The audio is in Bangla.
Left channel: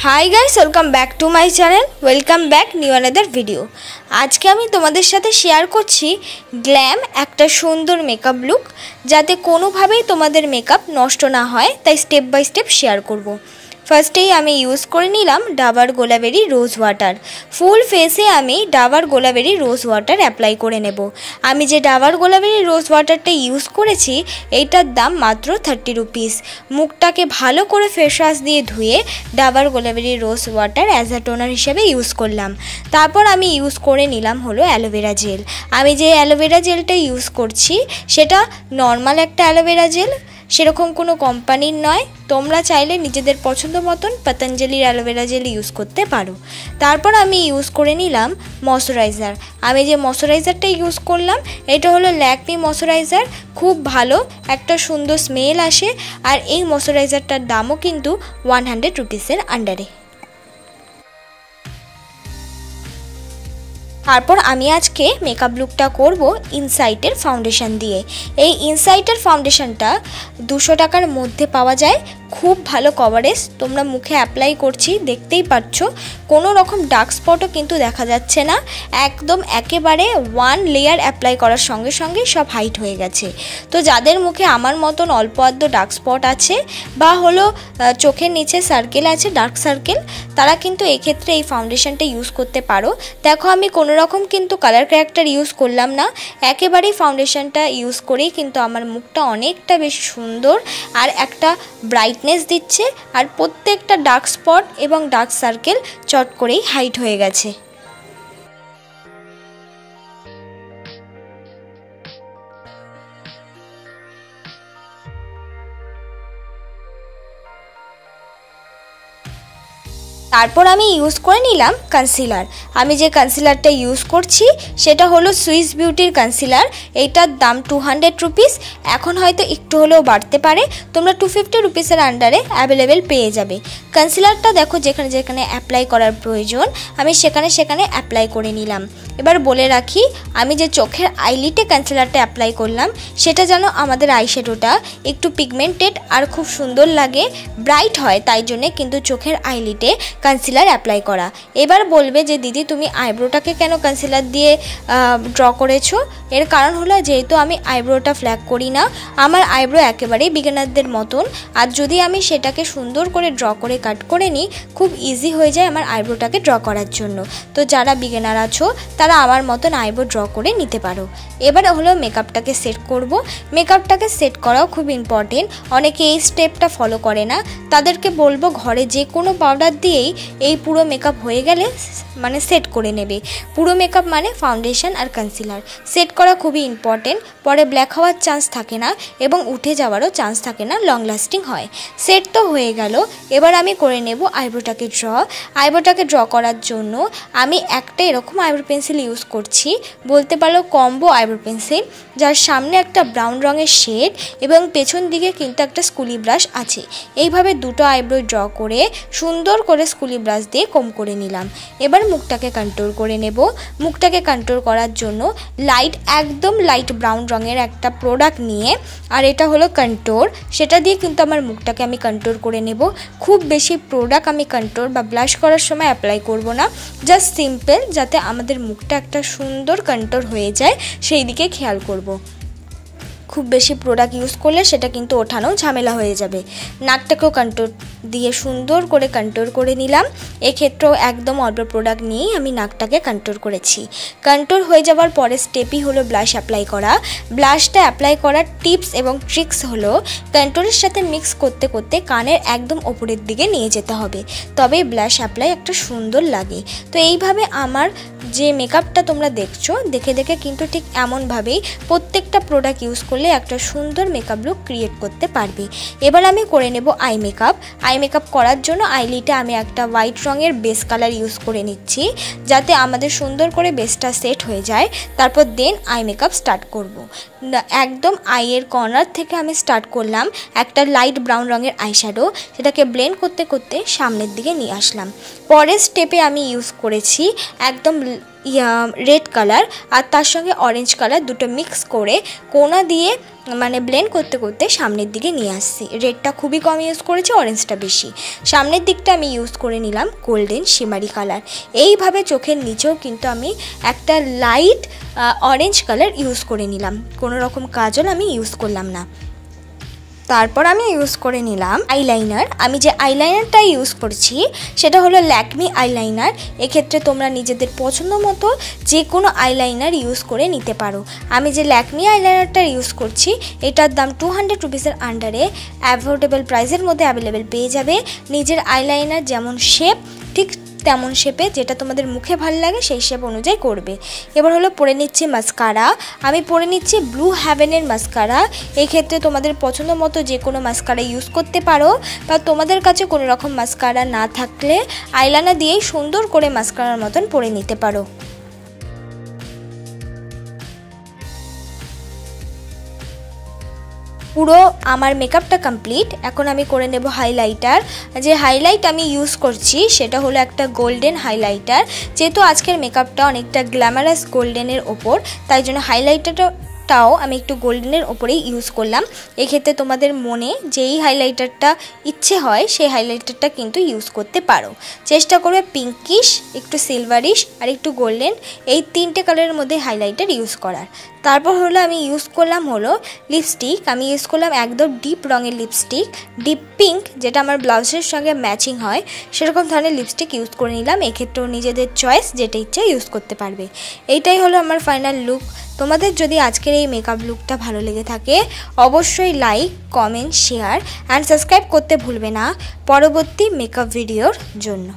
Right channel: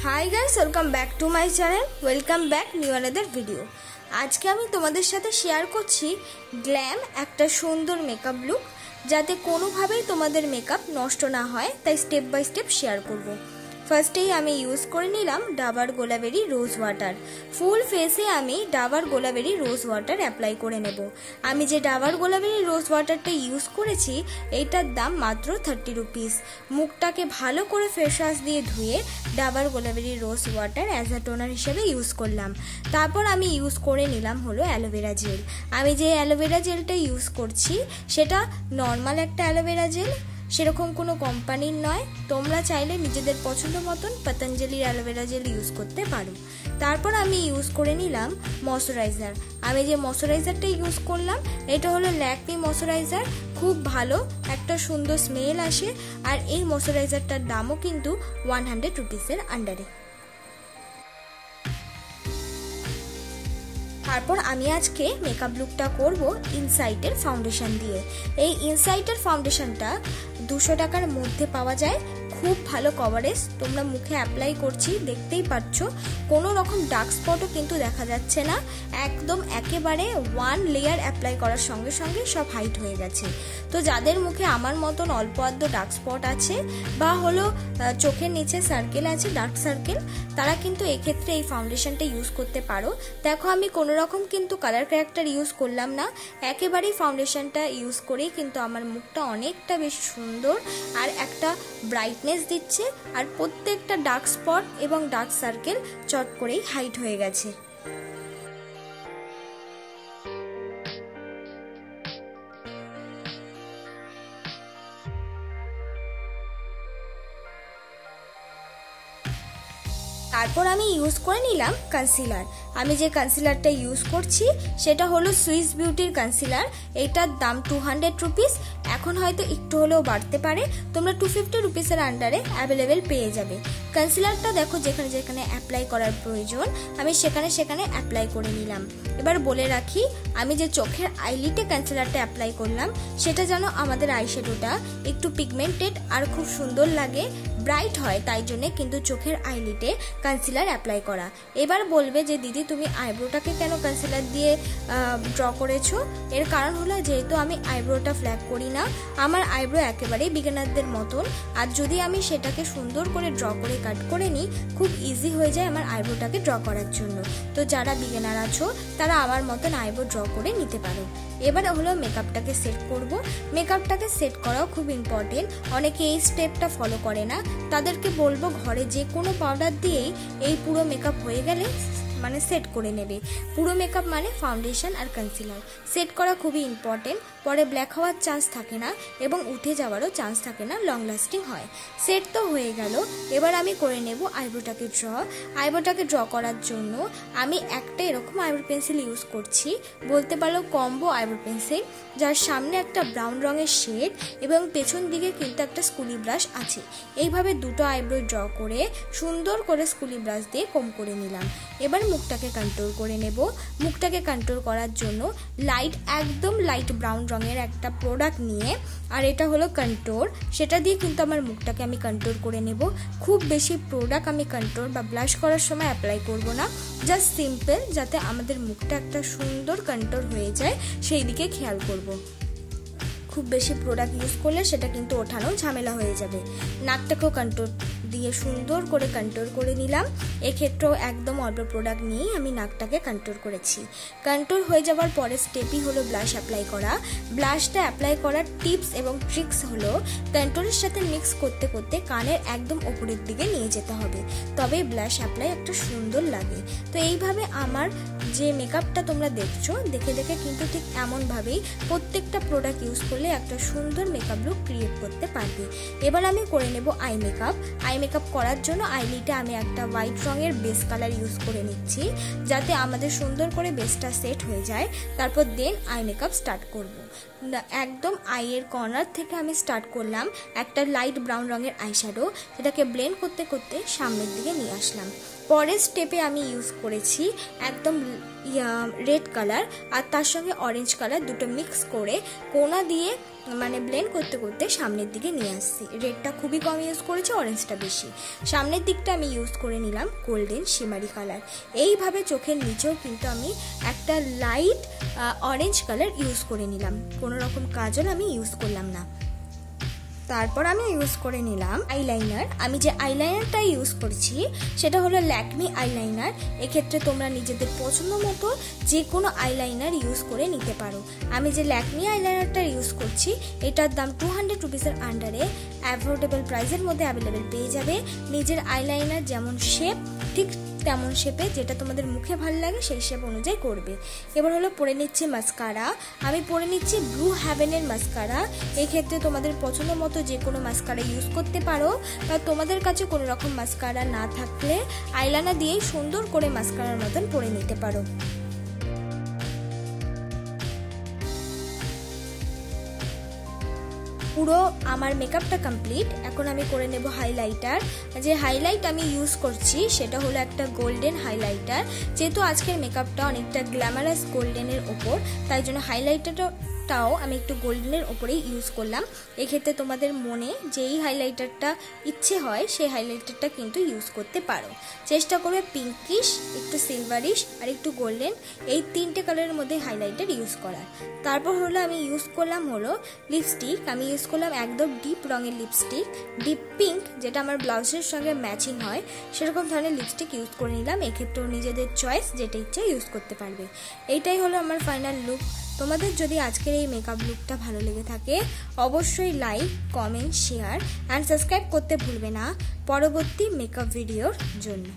High guys welcome back to my channel welcome back new another video. आज के आमी तोमादेर साथे शेयर करछि ग्लैम एक सुंदर मेकअप लुक जाते कोनो भावेई तोमादेर मेकअप नष्ट ना हय ताई स्टेप बाई स्टेप शेयर करब। फार्स्टे आमी यूज करे निलाम Dabur Gulabari rose water. Full facie आमी Dabur Gulabari rose water apply करे नेब। आमी जे डाबर गोलाबेरी रोज वाटारटा यूज करेछि एटार दाम मात्र 30 रुपिस। मुखटाके भालो करे फेस वाश दिए धुए Dabur Gulabari rose water as a toner हिसेबे यूज करलाम। तारपर आमी यूज करे निलाम हलो एलोवेरा जेल। आमी जे एलोवेरा जेलटा यूज करछि सेटा नर्माल एकटा एलोवेरा जेल, सेरकम कोनो कोम्पानिर नय। तोमरा चाइले निजेदेर पछंद मतन पतंजलिर एलोवेरा जेल यूज करते पारो। तारपर आमी यूज करे निलाम मयश्चाराइजार। आमी जे मयश्चाराइजारटा यूज करलाम एटा हलो lakme मयश्चाराइजार। खूब भालो एकटा सुंदर स्मेल आसे और एई मयश्चाराइजारटार दामो किन्तु 100 रुपिसेर आंडारे। तारपर आमी आजके मेकअप लुकटा करब इनसाइटेर फाउंडेशन दिए। এই ইনসাইটের ফাউন্ডেশনটা 200 টাকার মধ্যে পাওয়া যায়। खूब भालो कवरेज। तोमरा मुखे अप्लाई करछि देखतेई पाচ্ছো कोनो रकम डार्क स्पटও किन्तु देखा जाच्छे ना। एकदम एकेबारे वन लेयार अप्लाई करार संगे संगे सब हाइट हये गेछे। तो जादेर मुखे आमार मतन अल्प आद्य डार्क स्पट आछे बा हलो चोखेर नीचे सार्केल आछे डार्क सार्केल, तारा किन्तु एई क्षेत्रे एई फाउंडेशनटा यूज करते पारो। देखो आमी कोनो रकम किन्तु कालार करेक्टर यूज करलाम ना, एकेबारे फाउंडेशनटा यूज करेई किन्तु आमार मुखटा अनेकटा बेशी सुंदर और एकटा ब्राइटनेस दिच्छे और प्रत्येकटा डार्क स्पट एवं डार्क सार्केल चट करेई हाइट हये गेछे। तारपर आमी यूज करे निलाम कन्सिलार। आमी जे कन्सिलारटा यूज करछि सेटा हलो सुइस बिउटिर कन्सिलार। एटार दाम 200 रुपिस। एखन हयतो एकटु हलेও बाड़ते पारे। तोमरा 250 रुपिसेर आंडारे अवेलेबल पेये जाबे। कन्सिलारटा देखो जेखाने जेखाने अप्लाई करार प्रयोजन आमी सेखाने सेखाने अप्लाई करे निलाम। एबार बोले राखी आमी जे चोखेर आईलिटे कन्सिलारटा अप्लाई करलाम सेटा जेन आमादेर आईश्याडोटा एकटु पिगमेंटेड और खूब सुंदर लागे ब्राइट हय, ताई जोन्नो किन्तु चोखेर आईलिटे कन्सिलार अप्लाई करा। एबार बोलबे जे दीदी तुमी आईब्रोटाके केन कन्सिलार दिए ड्र करेछो। एर कारण हलो जेहेतु आमी आईब्रोटा फ्लैग करी ना, आमार आईब्रो एकेबारे बिगिनारदेर मतन। और जदि आमी सेटाके सुंदर करे ड्र करे काट करे निई खूब इजी हये जाय आमार आईब्रोटाके ड्र करार जोन्नो। तो जारा बिगिनार आछो तारा आमार मतन आईब्रो ड्र करे निते पारो। एबार हलो मेकअपटाके सेट करब। मेकअपटाके सेट कराओ खूब इम्पर्टेंट। अनेके एई स्टेपटा फलो करे ना, तादेरके बोलबो घरे जे कोनो पाउडार दिएई এই পুরো মেকআপ হয়ে গেলে মানে সেট করে নেবে। পুরো মেকআপ মানে ফাউন্ডেশন আর কনসিলার সেট করা খুবই ইম্পর্টেন্ট। পরে ব্ল্যাক হওয়ার চান্স থাকে না এবং উঠে যাওয়ারও চান্স থাকে না, লং লাস্টিং হয়। সেট তো হয়ে গেল। এবার আমি করে নেব আইব্রোটাকে ড্র। আইব্রোটাকে ড্র করার জন্য আমি একটা এরকম আইব্রো পেন্সিল ইউজ করছি, বলতে পারো কম্বো আইব্রো পেন্সিল, যার সামনে একটা ব্রাউন রঙের শেড এবং পেছন দিকে কিন্তু একটা স্কুলি ব্রাশ আছে। এইভাবে দুটো আইব্রো ড্র করে সুন্দর করে স্কুলি ব্রাশ দিয়ে কম করে নিলাম। এবার মুখটাকে কন্ট্রোল করে নেব। মুখটাকে কন্ট্রোল করার জন্য লাইট একদম লাইট ব্রাউন রঙের একটা প্রোডাক্ট নিয়ে, আর এটা হলো কন্ট্রোল, সেটা দিয়ে কিন্তু আমার মুখটাকে আমি কন্ট্রোল করে নেব। খুব বেশি প্রোডাক্ট আমি কন্ট্রোল বা ব্লাশ করার সময় অ্যাপ্লাই করব না, জাস্ট সিম্পল, যাতে আমাদের মুখটা একটা সুন্দর কন্ট্রোল হয়ে যায় সেই দিকে খেয়াল করব। खूब बेशी प्रोडक्ट यूज करले सेटा किन्तु ओठानो झमेला हो जाबे। नाकटाकेও कन्ट्रोल दिए सुंदर करे कन्ट्रोल करे निलाम। এই ক্ষেত্রেও একদম অল্প প্রোডাক্ট নিয়ে আমি নাকটাকে কন্ট্রোল করেছি। কন্ট্রোল হয়ে যাওয়ার পরে স্টেপই হলো ব্লাশ অ্যাপ্লাই করা। ব্লাশটা অ্যাপ্লাই করার টিপস এবং ট্রিক্স হলো কন্ট্রোলের সাথে মিক্স করতে করতে কানের একদম উপরের দিকে নিয়ে যেতে হবে, তবে ব্লাশ অ্যাপ্লাই একটা সুন্দর লাগে। তো এইভাবে আমার যে মেকআপটা তোমরা দেখছো দেখে দেখে কিন্তু ঠিক এমনভাবেই প্রত্যেকটা প্রোডাক্ট ইউজ করলে একটা সুন্দর মেকআপ লুক ক্রিয়েট করতে পারবে। এবার আমি করে নেব আই মেকআপ। আই মেকআপ করার জন্য আইলিটে আমি একটা হোয়াইট রঙের বেস কালার ইউজ করে নিচ্ছি, যাতে আমাদের সুন্দর করে বেসটা সেট হয়ে যায়। তারপর দেন আই মেকআপ স্টার্ট করব। একদম আইয়ের কর্নার থেকে আমি স্টার্ট করলাম একটা লাইট ব্রাউন রঙের আইশ্যাডো, সেটাকে ব্লেন্ড করতে করতে সামনের দিকে নিয়ে আসলাম। পরের স্টেপে আমি ইউজ করেছি একদম রেড কালার আর তার সঙ্গে অরেঞ্জ কালার দুটো মিক্স করে কোনা দিয়ে মানে ব্লেন্ড করতে করতে সামনের দিকে নিয়ে আসছি। রেডটা খুবই কম ইউজ করেছি, অরেঞ্জটা বেশি। সামনের দিকটা আমি ইউজ করে নিলাম গোল্ডেন শিমারি কালার। এইভাবে চোখের নিচেও কিন্তু আমি একটা লাইট অরেঞ্জ কালার ইউজ করে নিলাম, কোনো রকম কাজল আমি ইউজ করলাম না। তারপর আমি ইউজ করে নিলাম আইলাইনার। আমি যে আইলাইনারটা ইউজ করছি সেটা হলো ল্যাকমি আইলাইনার। এক্ষেত্রে তোমরা নিজেদের পছন্দ মতো যে কোনো আইলাইনার ইউজ করে নিতে পারো। আমি যে ল্যাকমি আইলাইনারটা ইউজ করছি এটার দাম 200 রুপিসের আন্ডারে অ্যাফোর্ডেবল প্রাইসের মধ্যে অ্যাভেলেবেল পেয়ে যাবে। নিজের আইলাইনার যেমন শেপ ঠিক তেমন শেপে, যেটা তোমাদের মুখে ভালো লাগে সেই শেপ অনুযায়ী করবে। এবার হলো পরে নিচ্ছি মাস্কারা। আমি পরে নিচ্ছি ব্লু হ্যাভেনের মাস্কারা। এক্ষেত্রে তোমাদের পছন্দ মতো যে কোনো মাস্কারা ইউজ করতে পারো, বা তোমাদের কাছে কোনো রকম মাস্কারা না থাকলে আইলাইনার দিয়েই সুন্দর করে মাস্কারার মতন পরে নিতে পারো। পুরো আমার মেকআপটা কমপ্লিট। এখন আমি করে নেব হাইলাইটার। যে হাইলাইট আমি ইউজ করছি সেটা হলো একটা গোল্ডেন হাইলাইটার। যেহেতু আজকের মেকআপটা অনেকটা গ্ল্যামারাস গোল্ডেনের ওপর, তাই জন্য হাইলাইটারটাও আমি একটু গোল্ডেনের ওপরেই ইউজ করলাম। এক্ষেত্রে তোমাদের মনে যেই হাইলাইটারটা ইচ্ছে হয় সেই হাইলাইটারটা কিন্তু ইউজ করতে পারো। চেষ্টা করবে পিঙ্কিশ, একটু সিলভারিশ আর একটু গোল্ডেন, এই তিনটে কালারের মধ্যে হাইলাইটার ইউজ করার। তারপর হলো আমি ইউজ করলাম হলো লিপস্টিক। আমি ইউজ করলাম একদম ডিপ রঙের লিপস্টিক, ডিপ পিঙ্ক, যেটা আমার ব্লাউজের সঙ্গে ম্যাচিং হয় সেরকম ধরনের লিপস্টিক ইউজ করে নিলাম। এক্ষেত্রেও নিজেদের চয়েস যেটা ইচ্ছে ইউজ করতে পারবে। এইটাই হলো আমার ফাইনাল লুক। তোমাদের যদি আজকের এই মেকআপ লুকটা ভালো লেগে থাকে অবশ্যই like, comment, share and subscribe করতে ভুলবে না পরবর্তী মেকআপ ভিডিওর জন্য।